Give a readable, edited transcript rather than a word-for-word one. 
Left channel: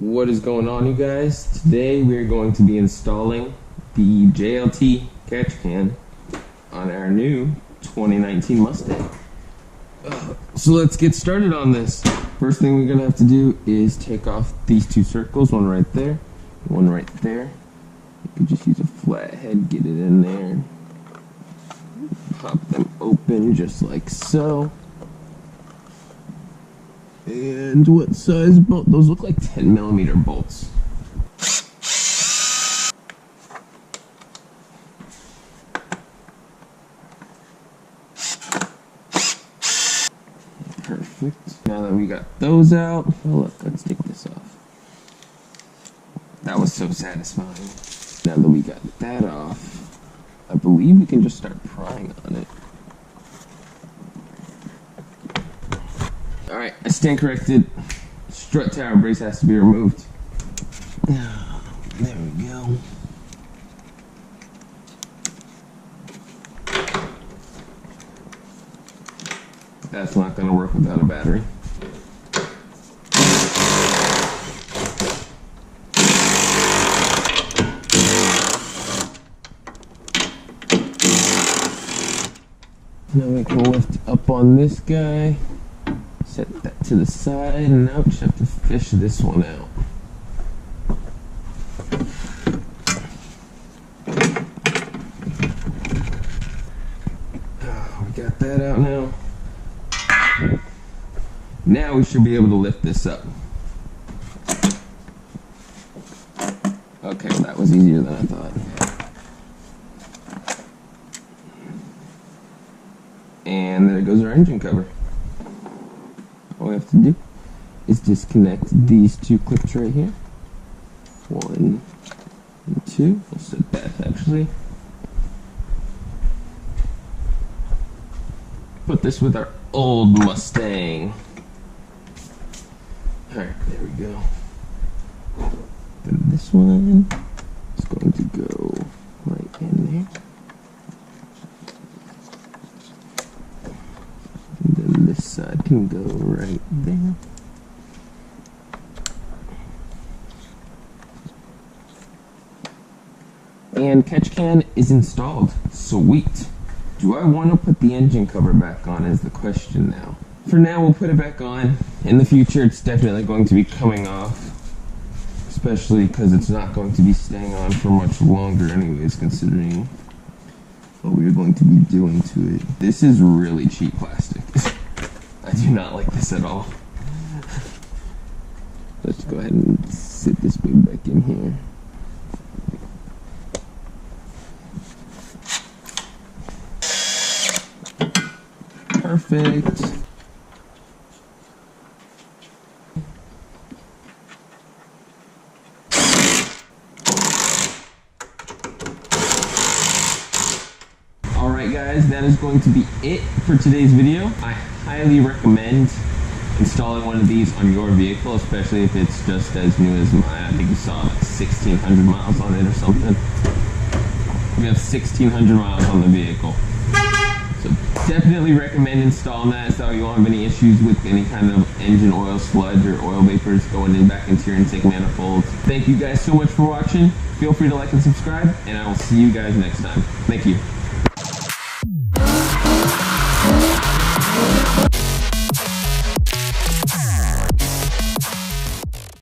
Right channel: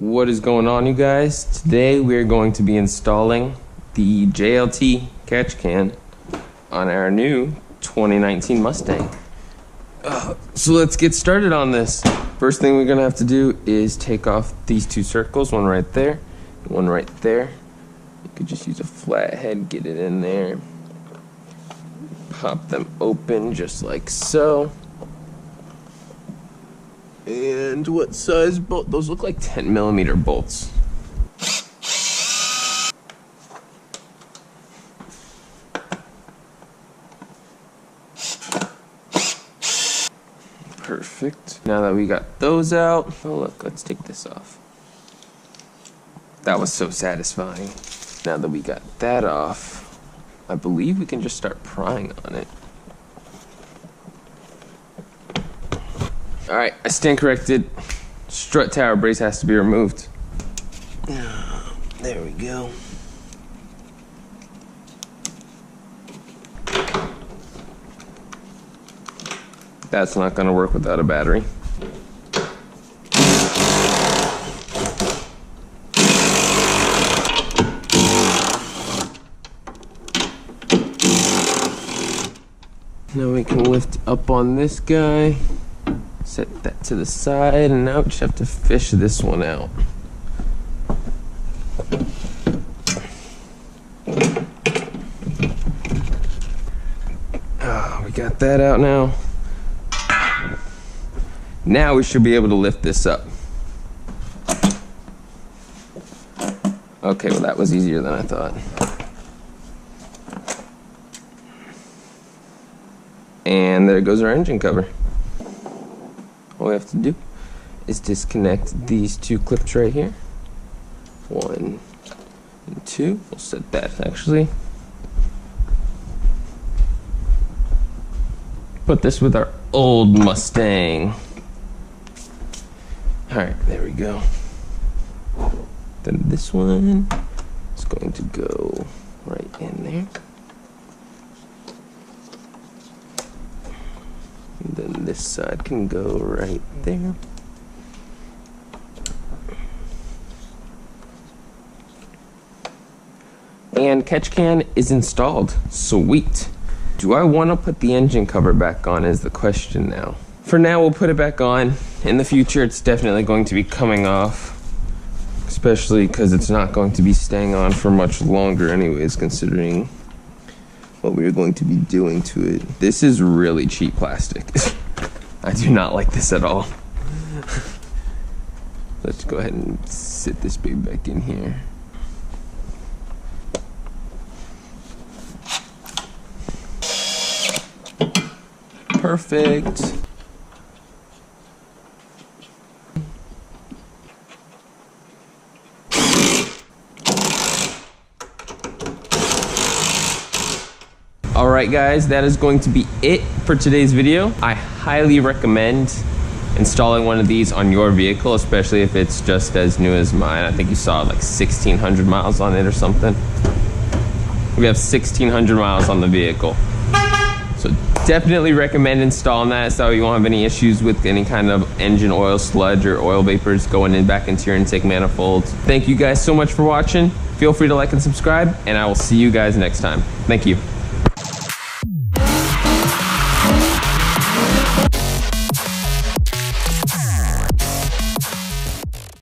What is going on, you guys? Today we're going to be installing the JLT catch can on our new 2019 Mustang. So let's get started on this. First thing we're gonna have to do is take off these two circles, one right there, one right there. You could just use a flathead, get it in there. Pop them open just like so. And what size bolt? Those look like 10mm bolts. Perfect. Now that we got those out, oh look, let's take this off. That was so satisfying. Now that we got that off, I believe we can just start prying on it. Alright, I stand corrected. Strut tower brace has to be removed. There we go. That's not going to work without a battery. Now we can lift up on this guy, set that to the side, and now we just have to fish this one out. Oh, we got that out now. Now we should be able to lift this up. Okay, well that was easier than I thought. And there goes our engine cover. All we have to do is disconnect these two clips right here. 1 and 2. We'll set that actually. Put this with our old Mustang. Alright, there we go. Then this one is going to go right in there. And then this side can go right there. And catch can is installed. Sweet. Do I want to put the engine cover back on is the question now. For now, we'll put it back on. In the future, it's definitely going to be coming off. Especially because it's not going to be staying on for much longer anyways, considering what we're going to be doing to it. This is really cheap plastic. I do not like this at all. Let's go ahead and sit this baby back in here. Perfect. Alright guys, that is going to be it for today's video. I highly recommend installing one of these on your vehicle, especially if it's just as new as mine. I think you saw like 1,600 miles on it or something. We have 1,600 miles on the vehicle. So definitely recommend installing that so you won't have any issues with any kind of engine oil sludge or oil vapors going in back into your intake manifold. Thank you guys so much for watching. Feel free to like and subscribe, and I will see you guys next time. Thank you.